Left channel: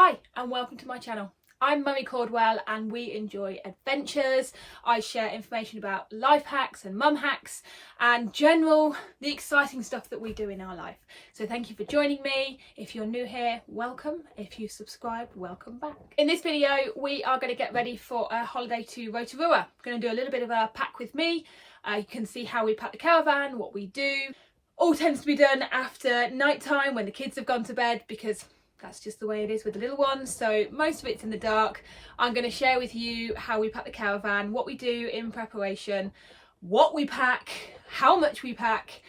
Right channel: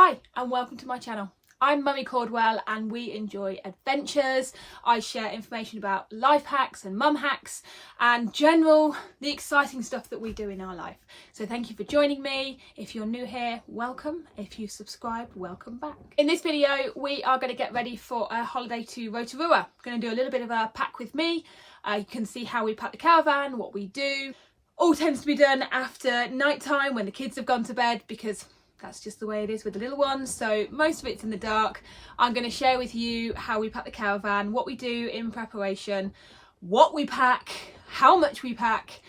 Hi and welcome to my channel. I'm Mummy Cordwell and we enjoy adventures. I share information about life hacks and mum hacks and the exciting stuff that we do in our life. So thank you for joining me. If you're new here, welcome. If you subscribe, welcome back. In this video, we are going to get ready for a holiday to Rotorua. I'm going to do a little bit of a pack with me. You can see how we pack the caravan, what we do. All tends to be done after night time when the kids have gone to bed because that's just the way it is with the little ones. So most of it's in the dark. I'm going to share with you how we pack the caravan, what we do in preparation, what we pack, how much we pack.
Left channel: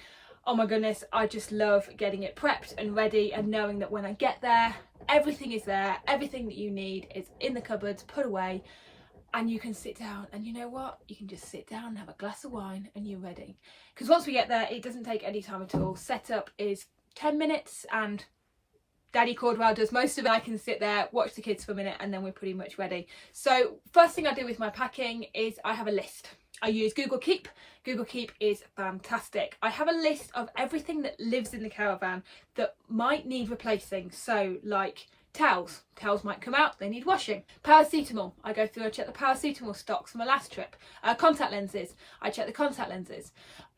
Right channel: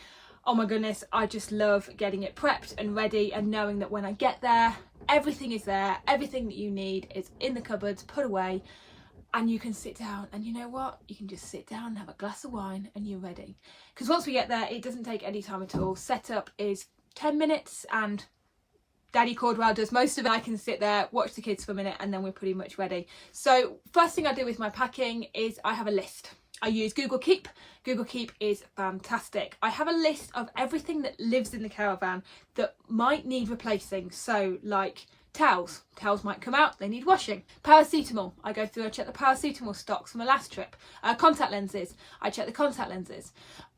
Oh my goodness, I just love getting it prepped and ready and knowing that when I get there, everything is there. Everything that you need is in the cupboards, put away, and you can sit down. And you know what? You can just sit down and have a glass of wine and you're ready. Because once we get there, it doesn't take any time at all. Setup is 10 minutes and Daddy Cordwell does most of it. I can sit there, watch the kids for a minute, and then we're pretty much ready. So first thing I do with my packing is I have a list. I use Google Keep. Google Keep is fantastic. I have a list of everything that lives in the caravan that might need replacing. So like towels. Towels might come out, they need washing. Paracetamol. I go through, I check the paracetamol stocks from my last trip. Contact lenses. I check the contact lenses.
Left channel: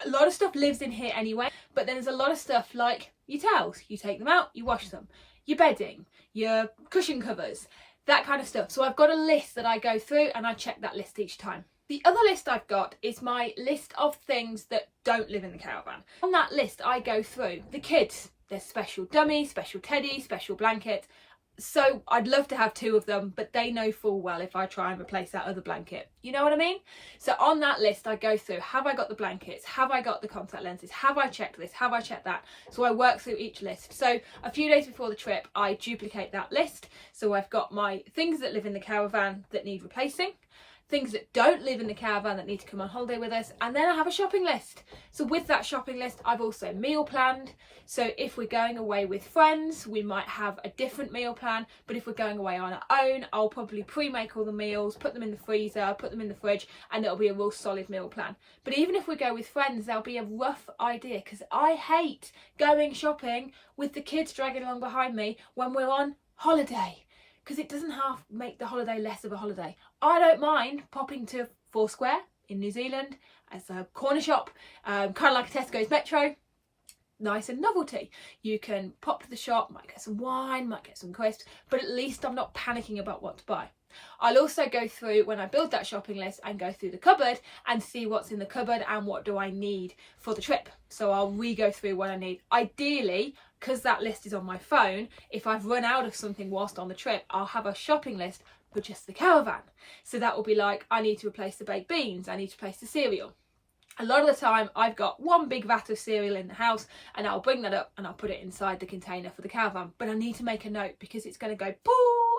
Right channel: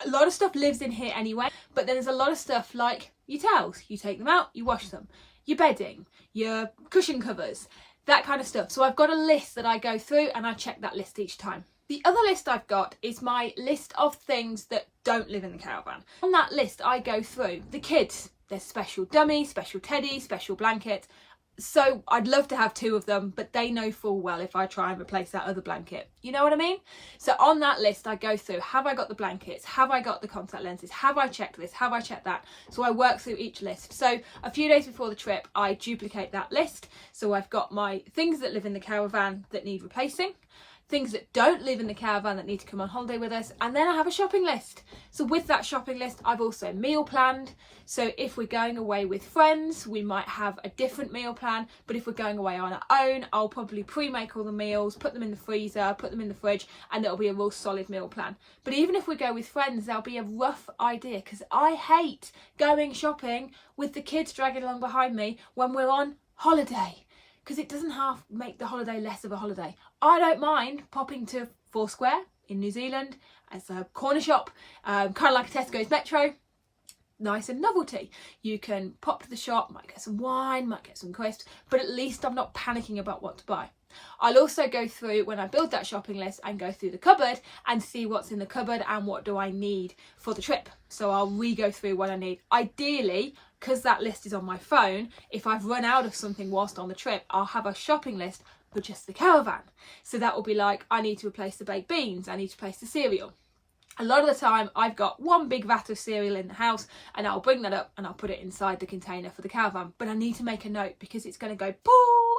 A lot of stuff lives in here anyway, but then there's a lot of stuff like your towels. You take them out, you wash them. Your bedding, your cushion covers, that kind of stuff. So I've got a list that I go through and I check that list each time. The other list I've got is my list of things that don't live in the caravan. On that list I go through the kids. There's special dummies, special teddies, special blankets. So I'd love to have 2 of them, but they know full well if I try and replace that other blanket. You know what I mean? So on that list I go through, have I got the blankets? Have I got the contact lenses? Have I checked this? Have I checked that? So I work through each list. So a few days before the trip, I duplicate that list. So I've got my things that live in the caravan that need replacing, things that don't live in the caravan that need to come on holiday with us, and then I have a shopping list. So with that shopping list, I've also meal planned. So if we're going away with friends, we might have a different meal plan, but if we're going away on our own, I'll probably pre-make all the meals, put them in the freezer, put them in the fridge, and it'll be a real solid meal plan. But even if we go with friends, there'll be a rough idea, because I hate going shopping with the kids dragging along behind me when we're on holiday, because it doesn't half make the holiday less of a holiday. I don't mind popping to Foursquare in New Zealand as a corner shop, kind of like a Tesco's Metro. Nice and novelty. You can pop to the shop, might get some wine, might get some crisps, but at least I'm not panicking about what to buy. I'll also go through, when I build that shopping list, and go through the cupboard and see what's in the cupboard and what do I need for the trip. So I'll re-go through what I need. Ideally, because that list is on my phone, if I've run out of something whilst on the trip, I'll have a shopping list for just the caravan. So that will be like, I need to replace the baked beans, I need to replace the cereal. A lot of the time I've got one big vat of cereal in the house and I'll bring that up and I'll put it inside the container for the caravan. But I need to make a note because it's going to go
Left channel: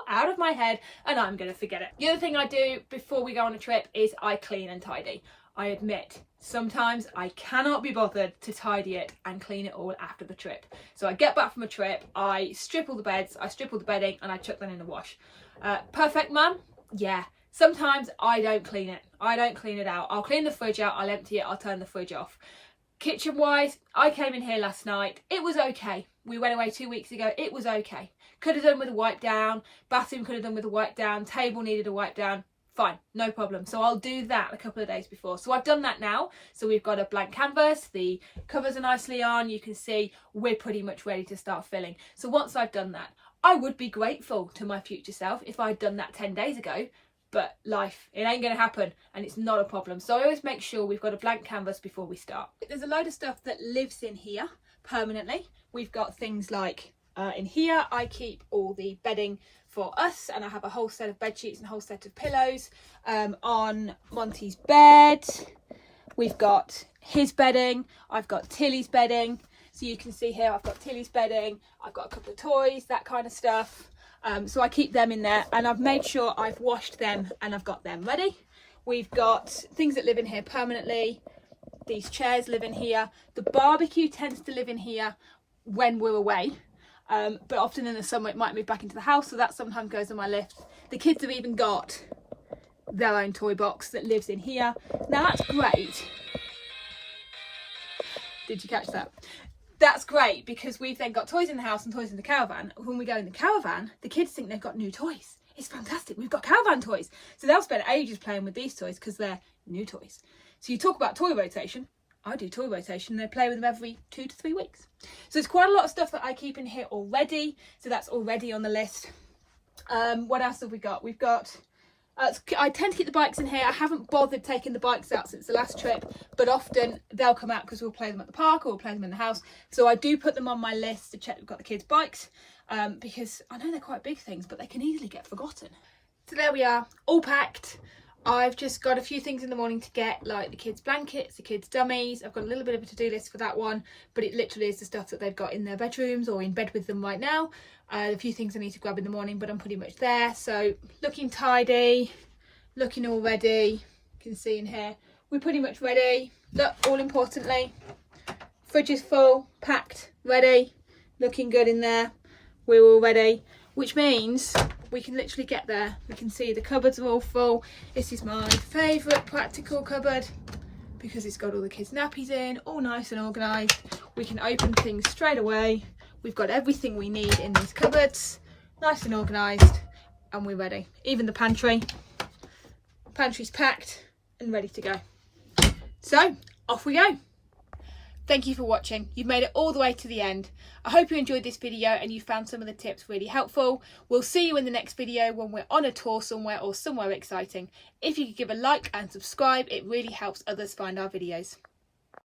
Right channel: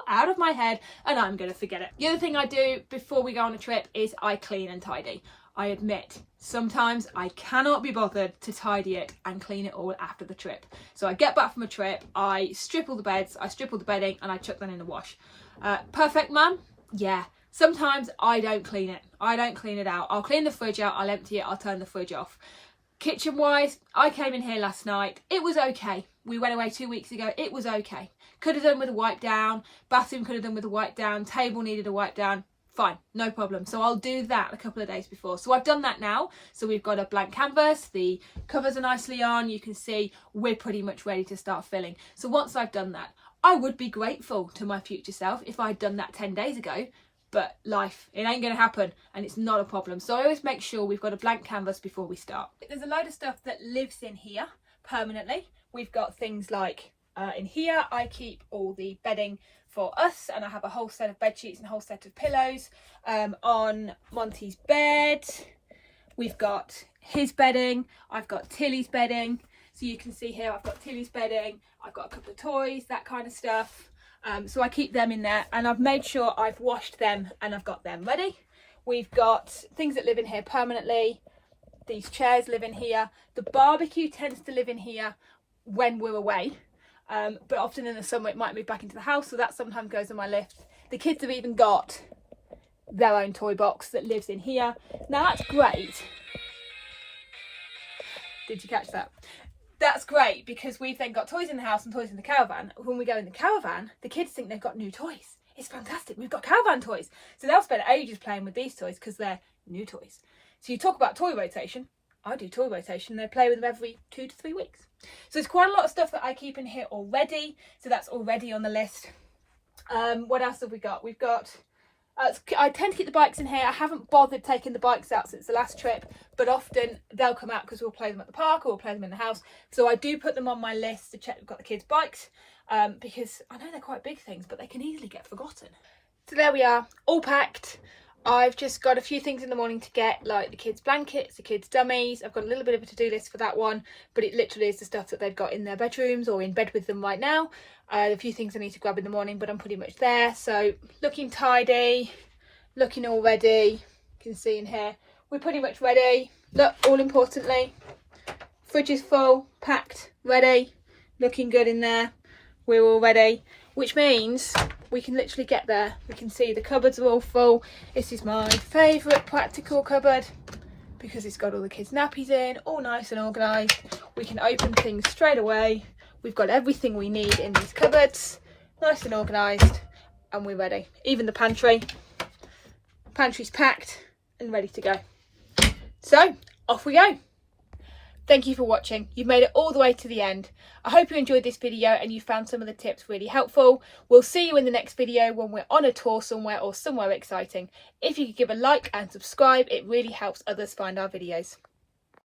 out of my head and I'm going to forget it. The other thing I do before we go on a trip is I clean and tidy. I admit sometimes I cannot be bothered to tidy it and clean it all after the trip. So I get back from a trip, I strip all the beds, I strip all the bedding and I chuck them in the wash. Perfect mum? Yeah. Sometimes I don't clean it. I don't clean it out. I'll clean the fridge out, I'll empty it, I'll turn the fridge off. Kitchen wise, I came in here last night. It was okay. We went away 2 weeks ago. It was okay. Could have done with a wipe down. Bathroom could have done with a wipe down. Table needed a wipe down. Fine, no problem. So I'll do that a couple of days before. So I've done that now. So we've got a blank canvas. The covers are nicely on. You can see we're pretty much ready to start filling. So once I've done that, I would be grateful to my future self if I'd done that 10 days ago. But life, it ain't going to happen and it's not a problem. So I always make sure we've got a blank canvas before we start. There's a load of stuff that lives in here permanently. We've got things like in here, I keep all the bedding for us and I have a whole set of bed sheets and a whole set of pillows. On Monty's bed, we've got his bedding. I've got Tilly's bedding. So you can see here, I've got Tilly's bedding. I've got a couple of toys, that kind of stuff. So I keep them in there and I've made sure I've washed them and I've got them ready. We've got things that live in here permanently. These chairs live in here. The barbecue tends to live in here when we're away. But often in the summer it might move back into the house. So that sometimes goes on my list. The kids have even got their own toy box that lives in here. Now that's great. Did you catch that? that's great because we've then got toys in the house and toys in the caravan. When we go in the caravan, the kids think they've got new toys. It's fantastic. We've got caravan toys. So they'll spend ages playing with these toys because they're new toys. So you talk about toy rotation. I do toy rotation. They play with them every 2 to 3 weeks. So there's quite a lot of stuff that I keep in here already. So that's already on the list. What else have we got? We've got... I tend to keep the bikes in here. I haven't bothered taking the bikes out since the last trip, but often they'll come out because we'll play them at the park or we'll play them in the house. So I do put them on my list to check we've got the kids' bikes, because I know they're quite big things, but they can easily get forgotten. So there we are, all packed. I've just got a few things in the morning to get, like the kids' blankets, the kids' dummies. I've got a little bit of a to-do list for that one, but it literally is the stuff that they've got in their bedrooms or in bed with them right now. A few things I need to grab in the morning, but I'm pretty much there. So looking tidy, looking all ready. You can see in here, we're pretty much ready. Look, all importantly, fridge is full, packed, ready, looking good in there. We're all ready, which means we can literally get there. We can see the cupboards are all full. This is my favourite practical cupboard because it's got all the kids' nappies in, all nice and organised. We can open things straight away. We've got everything we need in these cupboards, nice and organised, and we're ready. Even the pantry's packed and ready to go. So off we go. Thank you for watching. You've made it all the way to the end. I hope you enjoyed this video and you found some of the tips really helpful. We'll see you in the next video when we're on a tour somewhere or somewhere exciting. If you could give a like and subscribe, it really helps others find our videos.